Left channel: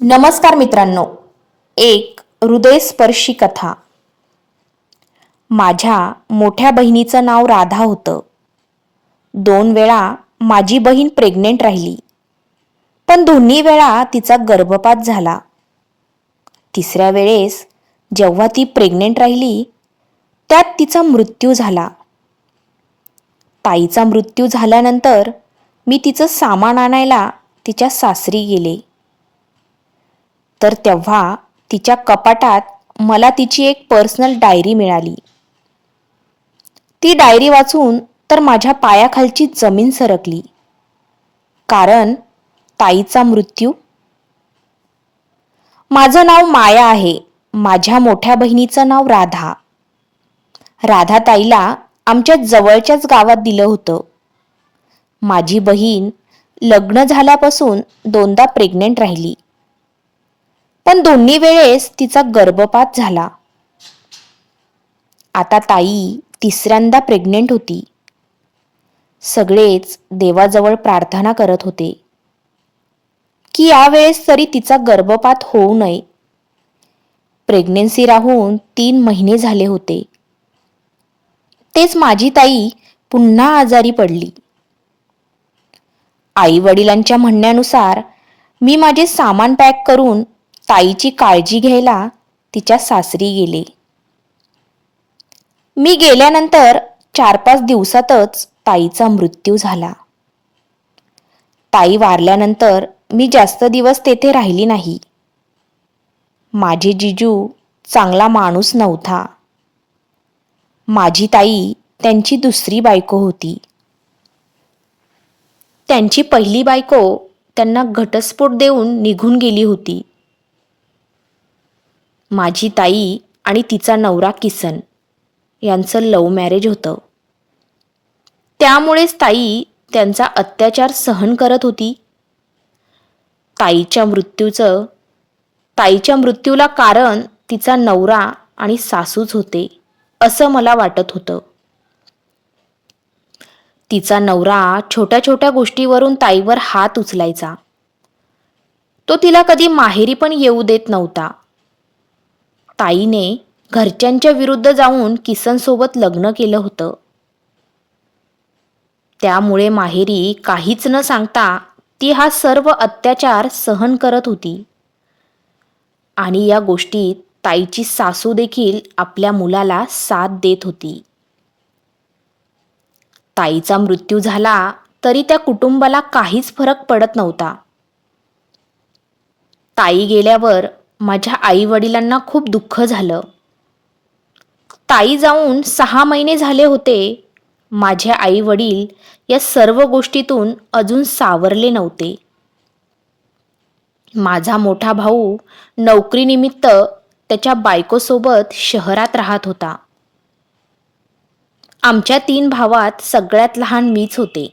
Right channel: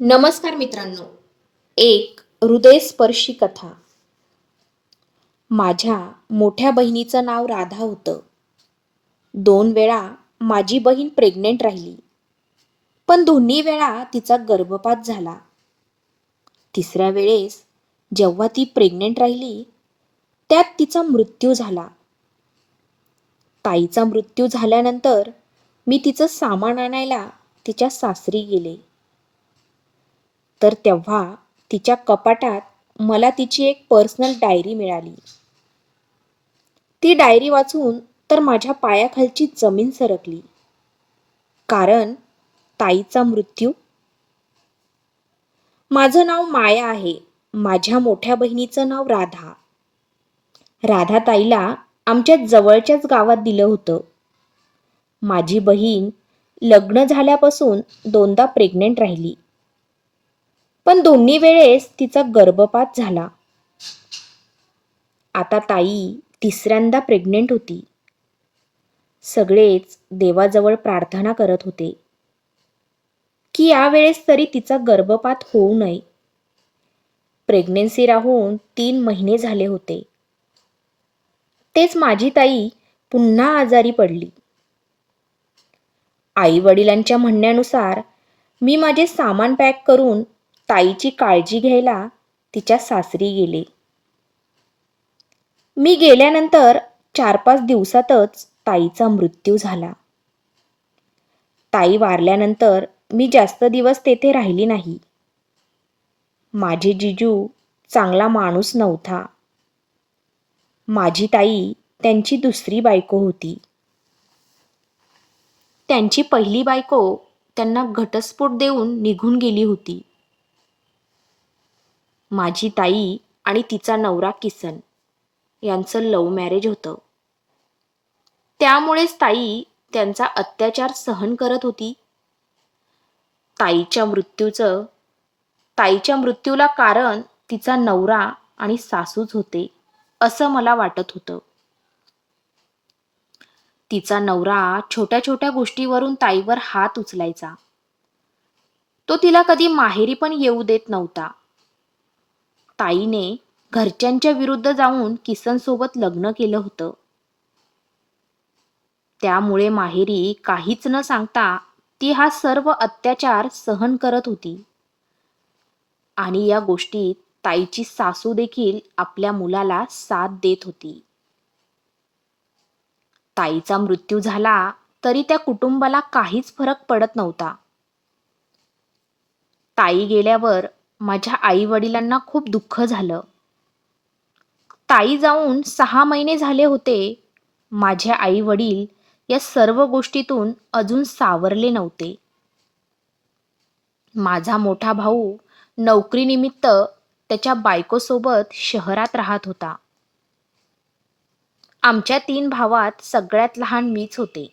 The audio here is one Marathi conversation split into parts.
नमस्कार मित्रांनो. एक हृदयस्पर्शी कथा. माझ्या मोठ्या बहिणीचं नाव राधा होतं. दोन वेळा माझी बहीण प्रेग्नेंट राहिली. पण दोन्ही वेळा तिचा गर्भपात झाला. तिसऱ्या वेळेस जेव्हा ती प्रेग्नेंट राहिली त्यात तिचा मृत्यू झाला. ताईचा मृत्यू झाल्यानंतर मी तिचं सामान आणायला तिच्या सासरी गेले. तर तेव्हा तिच्या कपाटात मला तिची एक पर्सनल डायरी मिळाली. ती डायरी वाचून तर माझ्या पायाखालची जमीन सरकली. कारण ताईचा मृत्यू. माझं नाव माया आहे. माझ्या मोठ्या बहिणीचं नाव राधा. राधा ताईला आमच्या जवळच्याच गावात दिलं होतं. माझी बहीण लग्न झाल्यापासून दोनदा प्रेग्नेंट राहिली. पण दोन्ही वेळेस तिचा गर्भपात झाला. आता ताई तिसऱ्यांदा प्रेग्नेंट होती. सगळेच देवाजवळ प्रार्थना करत होते. की यावेळेस तरी तिचा गर्भपात होऊ नये. प्रेग्नेन्सी राहून तीन महिने झाले होते. तेच माझी ताई पुन्हा आजारी पडली. आई वडिलांच्या म्हणण्यानुसार मी माझे सामान पॅक करून ताईची काळजी घ्यायला तिच्या सासरी गेले. मी गेल्यानंतर चार पाच दिवसातच ताईचा मृत्यू झाला. ताई वारल्यानंतर मी जास्त दिवस तेथे राहिली नाही. माझे जिजू चांगला माणूस नव्हता. माझी ताई त्यांची दुसरी बायको होती. त्यांची पहिली बायको त्यांना घटस्फोट देऊन निघून गेली होती. माझी ताई आणि तिचा नवरा किसन यांचं लव मॅरेज होतं. त्यामुळेच ताई त्यांचा अत्याचार सहन करत होती. ताईच्या मृत्यूचं ताईच्या मृत्यूला कारण तिचा नवरा आणि सासूच होते असं मला वाटत होतं. तिचा नवरा छोट्या छोट्या गोष्टीवरून ताईवर हात उचलायचा. तो तिला कधी माहेरी पण येऊ देत नव्हता. ताईने घरच्यांच्या विरुद्ध जाऊन किसनसोबत लग्न केलं होतं. त्यामुळे माहेरी काहीच न सांगता ती हा सर्व अत्याचार सहन करत होती. आणि या गोष्टीत ताईची सासू देखील आपल्या मुलाला साथ देत होती. ताईचा मृत्यू झाला तरी त्या कुटुंबाला काहीच फरक पडत नव्हता. ताई गेल्यावर माझ्या आई वडिलांना खूप दुःख झालं. ताई जाऊन सहा महिने झाले होते. माझे आई वडील या सर्व गोष्टीतून अजून सावरले नव्हते. माझा मोठा भाऊ नोकरीनिमित्त त्याच्या बायकोसोबत शहरात राहत होता. आमच्या तीन भावात सगळ्यात लहान मीच होते.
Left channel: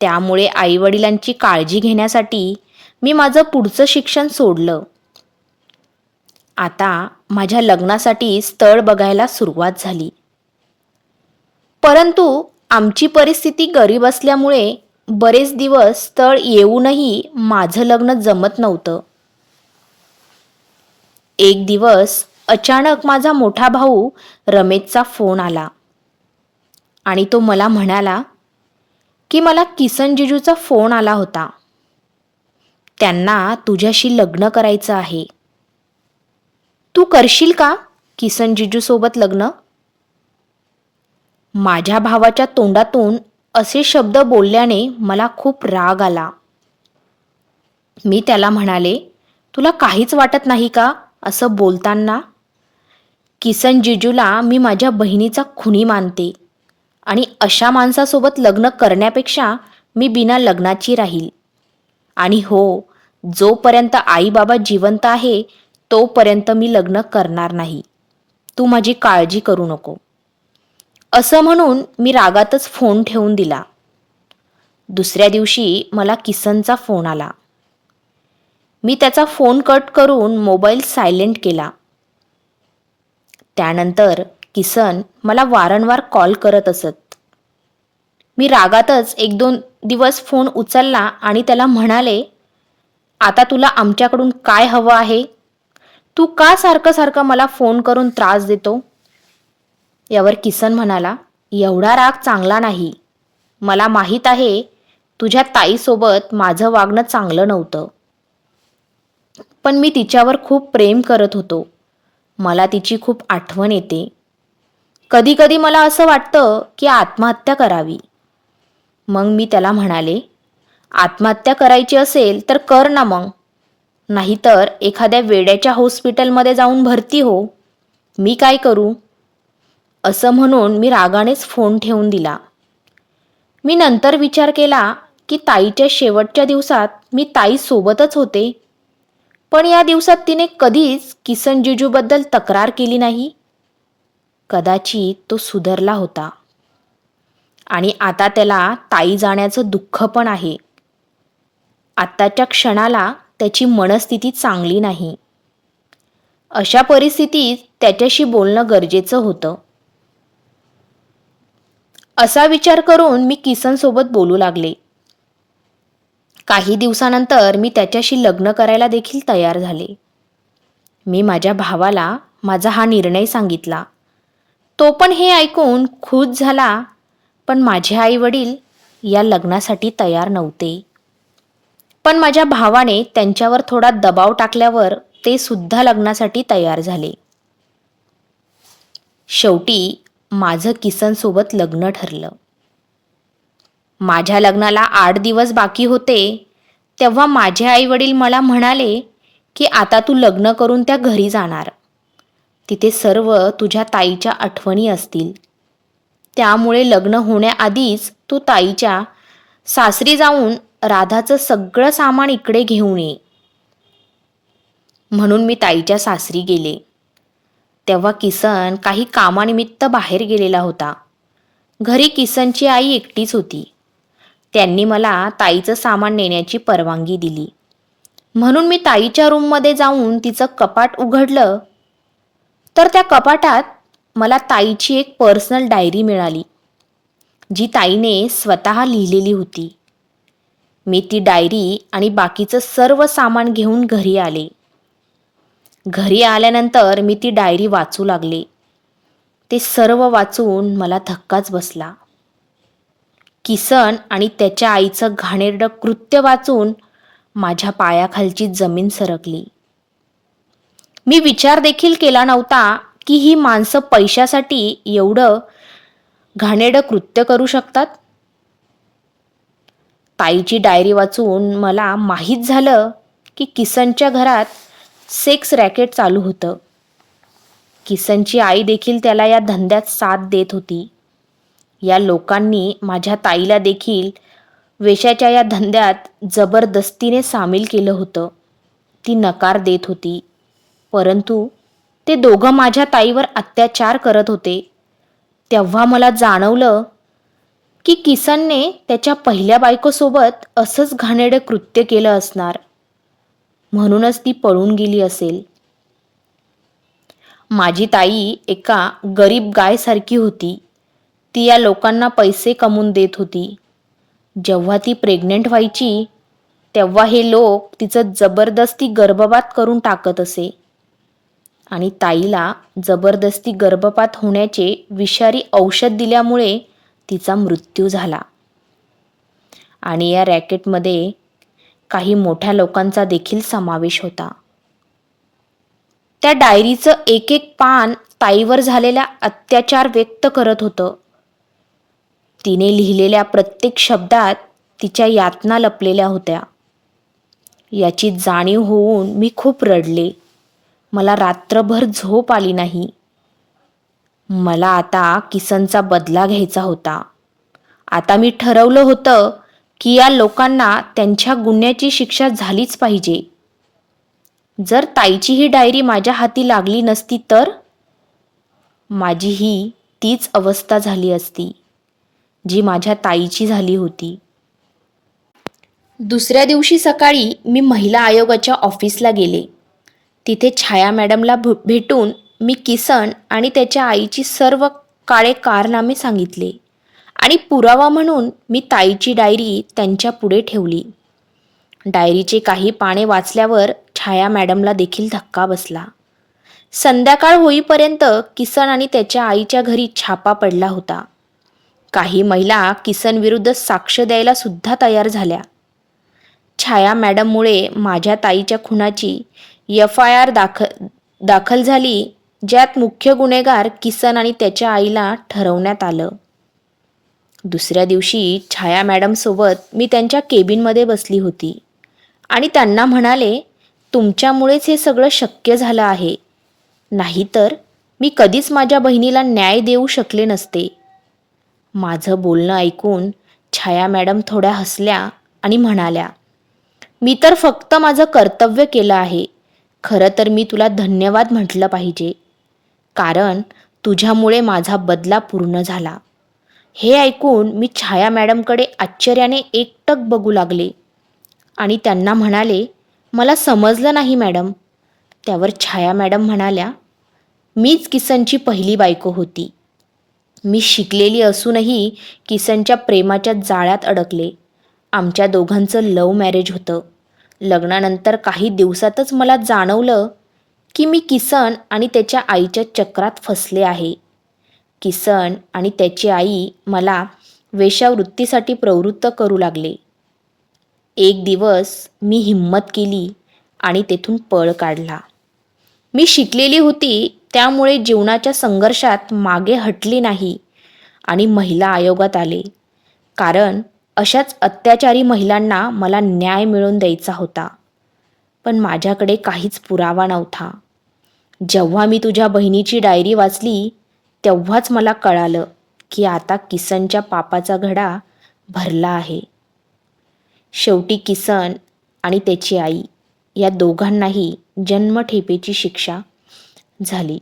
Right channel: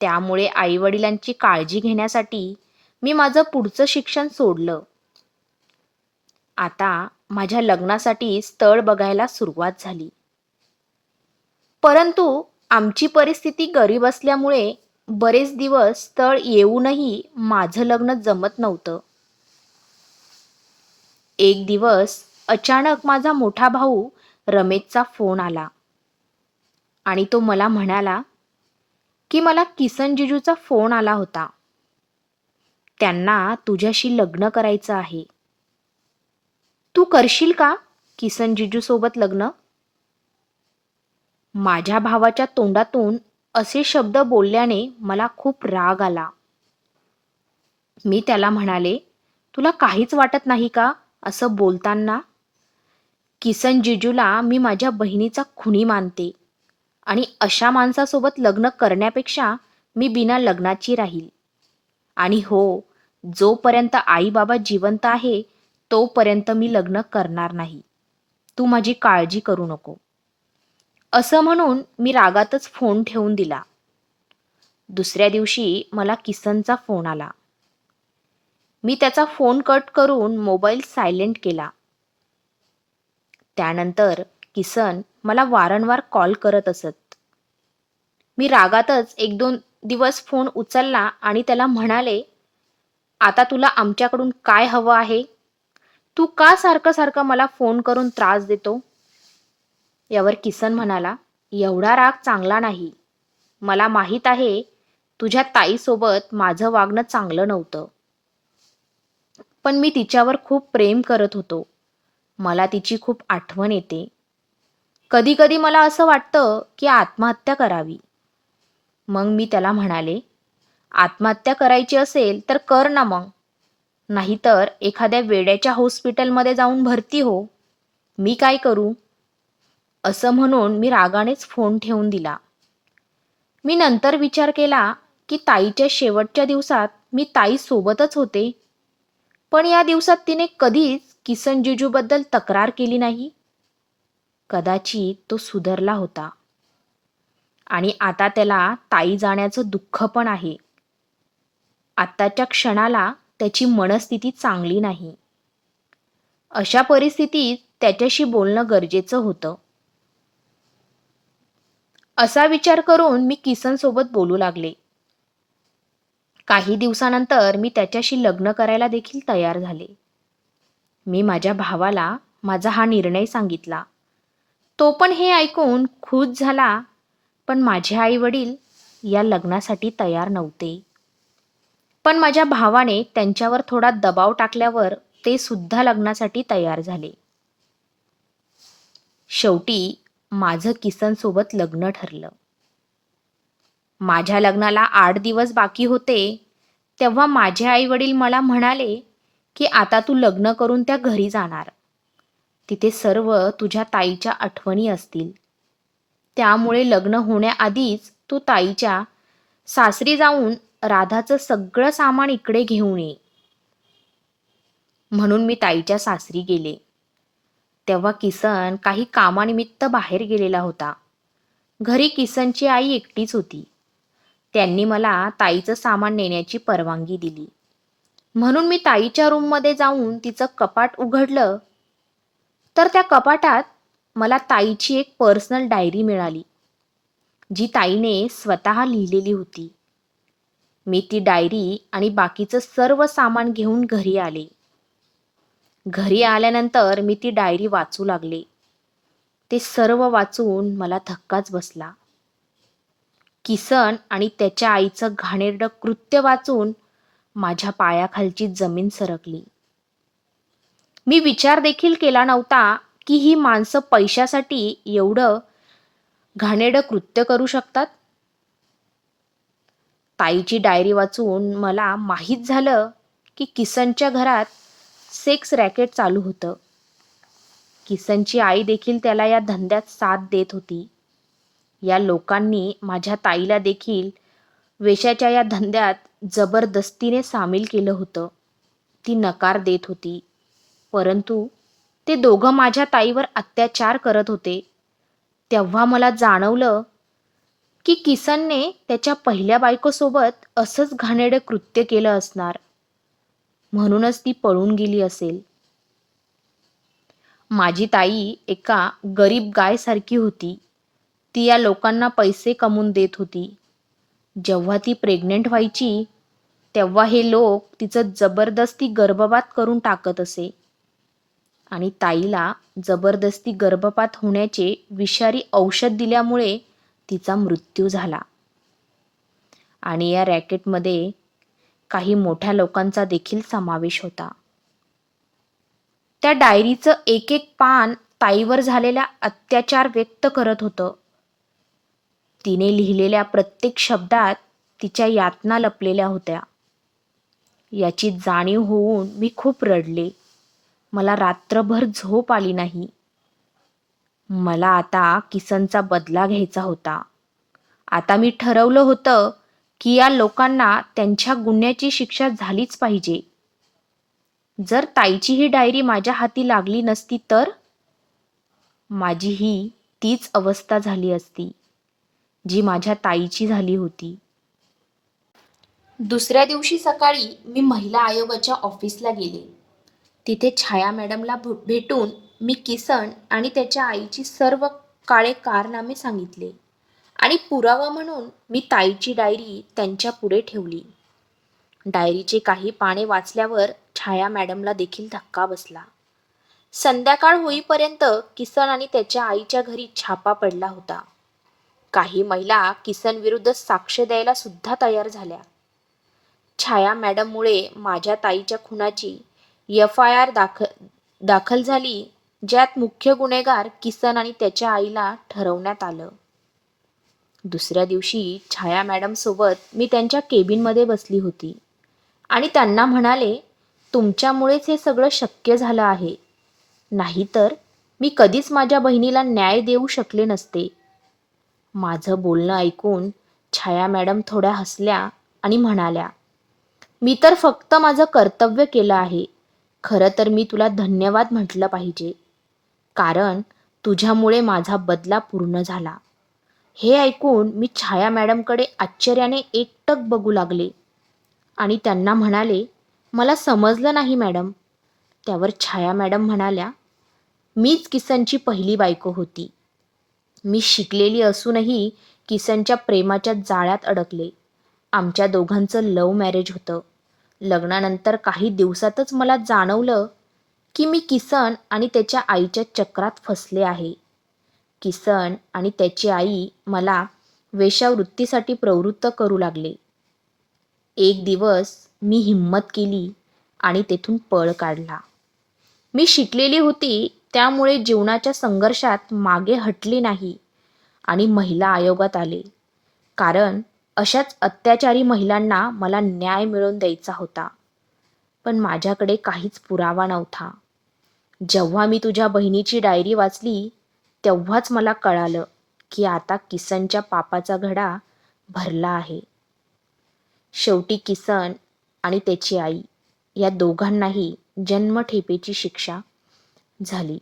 त्यामुळे आईवडिलांची काळजी घेण्यासाठी मी माझं पुढचं शिक्षण सोडलं. आता माझ्या लग्नासाठी स्थळ बघायला सुरुवात झाली. परंतु आमची परिस्थिती गरीब असल्यामुळे बरेच दिवस स्थळ येऊनही माझं लग्न जमत नव्हतं. एक दिवस अचानक माझा मोठा भाऊ रमेशचा फोन आला आणि तो मला म्हणाला की मला किसन जिजूचा फोन आला होता. त्यांना तुझ्याशी लग्न करायचं आहे. तू करशील का किसन जिजूसोबत लग्न? माझ्या भावाच्या तोंडातून असे शब्द बोलल्याने मला खूप राग आला. मी त्याला म्हणाले तुला काहीच वाटत नाही का असं बोलताना? किसन जिजूला मी माझ्या बहिणीचा खुनी मानते आणि अशा माणसासोबत लग्न करण्यापेक्षा मी बिना लग्नाची राहील. आणि हो जोपर्यंत आई बाबा जिवंत आहे तोपर्यंत मी लग्न करणार नाही. तू माझी काळजी करू नको. असं म्हणून मी रागातच फोन ठेवून दिला. दुसऱ्या दिवशी मला किसनचा फोन आला. मी त्याचा फोन कट करून मोबाईल सायलेंट केला. त्यानंतर किसन मला वारंवार कॉल करत असत. मी रागातच एक दोन दिवस फोन उचलला आणि त्याला म्हणाले आता तुला आमच्याकडून काय हवं आहे? तू का सारखं सारखं मला फोन करून त्रास देतो? यावर किसन म्हणाला एवढा राग चांगला नाही. मला माहीत आहे तुझ्या ताईसोबत माझं वागणं चांगलं नव्हतं. पण मी तिच्यावर खूप प्रेम करत होतो. मला तिची खूप आठवण येते. कधीकधी मला असं वाटतं की आत्महत्या करावी. मग मी त्याला म्हणाले आत्महत्या करायची असेल तर कर ना मग. नाहीतर एखाद्या वेड्याच्या हॉस्पिटलमध्ये जाऊन भरती हो. मी काय करू? असं म्हणून मी रागानेच फोन ठेवून दिला. मी नंतर विचार केला की ताईच्या शेवटच्या दिवसात मी ताईसोबतच होते. पण या दिवसात तिने कधीच किसन जिजूबद्दल तक्रार केली नाही. कदाचित तो सुधरला होता. आणि आता त्याला ताई जाण्याचं दुःख पण आहे. आत्ताच्या क्षणाला त्याची मनस्थिती चांगली नाही. अशा परिस्थितीत त्याच्याशी बोलणं गरजेचं होतं. असा विचार करून मी किसनसोबत बोलू लागले. काही दिवसानंतर मी त्याच्याशी लग्न करायला देखील तयार झाले. मी माझ्या भावाला माझा हा निर्णय सांगितला. तो पण हे ऐकून खुश झाला पण माझे आई वडील या लग्नासाठी तयार नव्हते. पण माझ्या भावाने त्यांच्यावर थोडा दबाव टाकल्यावर ते सुद्धा लग्नासाठी तयार झाले. शेवटी माझं किसनसोबत लग्न ठरलं. माझ्या लग्नाला आठ दिवस बाकी होते तेव्हा माझे आई वडील मला म्हणाले की आता तू लग्न करून त्या घरी जाणार. तिथे सर्व तुझ्या ताईच्या आठवणी असतील. त्यामुळे लग्न होण्याआधीच तू ताईच्या सासरी जाऊन राधाचं सगळं सामान इकडे घेऊन ये. म्हणून मी ताईच्या सासरी गेले. तेव्हा किसन काही कामानिमित्त बाहेर गेलेला होता. घरी किसनची आई एकटीच होती. त्यांनी मला ताईचं सामान नेण्याची परवानगी दिली. म्हणून मी ताईच्या रूममध्ये जाऊन तिचं कपाट उघडलं. तर त्या कपाटात मला ताईची एक पर्सनल डायरी मिळाली जी ताईने स्वतः लिहिलेली होती. मी ती डायरी आणि बाकीचं सर्व सामान घेऊन घरी आले. घरी आल्यानंतर मी ती डायरी वाचू लागले. ते सर्व वाचून मला धक्काच बसला. किसन आणि त्याच्या आईचं घाणेरडं कृत्य वाचून माझ्या पायाखालची जमीन सरकली. मी विचार देखील केला नव्हता की ही माणसं पैशासाठी एवढं घाणेरडं कृत्य करू शकतात? ताईची डायरी वाचून मला माहीत झालं की किसनच्या घरात सेक्स रॅकेट चालू होतं. किसनची आई देखील त्याला या धंद्यात साथ देत होती. या लोकांनी माझ्या ताईला देखील वेशाच्या या धंद्यात जबरदस्तीने सामील केलं होतं. ती नकार देत होती. परंतु ते दोघं माझ्या ताईवर अत्याचार करत होते. तेव्हा मला जाणवलं की किसनने त्याच्या पहिल्या बायकोसोबत असंच घाणेडं कृत्य केलं असणार. म्हणूनच ती पळून गेली असेल. माझी ताई एका गरीब गायसारखी होती. ती या लोकांना पैसे कमवून देत होती. जेव्हा ती प्रेग्नेंट व्हायची तेव्हा हे लोक तिचं जबरदस्ती गर्भपात करून टाकत असे. आणि ताईला जबरदस्ती गर्भपात होण्याचे विषारी औषध दिल्यामुळे तिचा मृत्यू झाला. आणि या रॅकेटमध्ये काही मोठ्या लोकांचा देखील समावेश होता. त्या डायरीचं एक एक पान ताईवर झालेला अत्याचार व्यक्त करत होतं. तिने लिहिलेल्या प्रत्येक शब्दात तिच्या यातना लपलेल्या होत्या. याची जाणीव होऊन मी खूप रडले. मला रात्रभर झोप आली नाही. मला आता किसनचा बदला घ्यायचा होता. आता मी ठरवलं होतं की या लोकांना त्यांच्या गुन्ह्याची शिक्षा झालीच पाहिजे. जर ताईची ही डायरी माझ्या हाती लागली नसती तर? माझी ही तीच अवस्था झाली असती जी माझ्या ताईची झाली होती. दुसऱ्या दिवशी सकाळी मी महिला आयोगाच्या ऑफिसला गेले. तिथे छाया मॅडमला भेटून मी किसन आणि त्याच्या आईची सर्व काळे कारनामे सांगितले आणि पुरावा म्हणून मी ताईची डायरी त्यांच्या पुढे ठेवली. डायरीचे काही पाने वाचल्यावर छाया मॅडमला देखील धक्का बसला. संध्याकाळ होईपर्यंत किसन आणि त्याच्या आईच्या घरी छापा पडला होता. काही महिला किसन विरुद्ध साक्ष द्यायला सुद्धा तयार झाल्या. छाया मॅडममुळे माझ्या ताईच्या खुनाची एफ आय आर दाखल दाखल झाली ज्यात मुख्य गुन्हेगार किसन आणि त्याच्या आईला ठरवण्यात आलं. दुसऱ्या दिवशी छाया मॅडमसोबत मी त्यांच्या केबिनमध्ये बसली होती. आणि त्यांना म्हणाले तुमच्यामुळेच हे सगळं शक्य झालं आहे. नाहीतर मी कधीच माझ्या बहिणीला न्याय देऊ शकले नसते. माझं बोलणं ऐकून छाया मॅडम थोड्या हसल्या आणि म्हणाल्या मी तर फक्त माझं कर्तव्य केलं आहे. खरं तर मी तुला धन्यवाद म्हटलं पाहिजे. कारण तुझ्यामुळे माझा बदला पूर्ण झाला. हे ऐकून मी छाया मॅडमकडे आश्चर्याने एकटक बघू लागले. आणि त्यांना म्हणाले मला समजलं नाही मॅडम. त्यावर छाया मॅडम म्हणाल्या मीच किसनची पहिली बायको होती. मी शिकलेली असूनही किसनच्या प्रेमाच्या जाळ्यात अडकले. आमच्या दोघांचं लव्ह मॅरेज होतं. लग्नानंतर काही दिवसातच मला जाणवलं की मी किसन आणि त्याच्या आईच्या चक्रात फसले आहे. किसन आणि त्याची आई मला वेश्यावृत्तीसाठी प्रवृत्त करू लागले. एक दिवस मी हिंमत केली आणि तेथून पळ काढला. मी शिकलेली होती त्यामुळे जीवनाच्या संघर्षात मागे हटली नाही आणि महिला आयोगात आले. कारण अशाच अत्याचारी महिलांना मला न्याय मिळवून द्यायचा होता. पण माझ्याकडे काहीच पुरावा नव्हता. जेव्हा मी तुझ्या बहिणीची डायरी वाचली तेव्हाच मला कळालं की आता किसनच्या पापाचा घडा भरला आहे. शेवटी किसन आणि त्याची आई या दोघांनाही जन्मठेपेची शिक्षा झाली.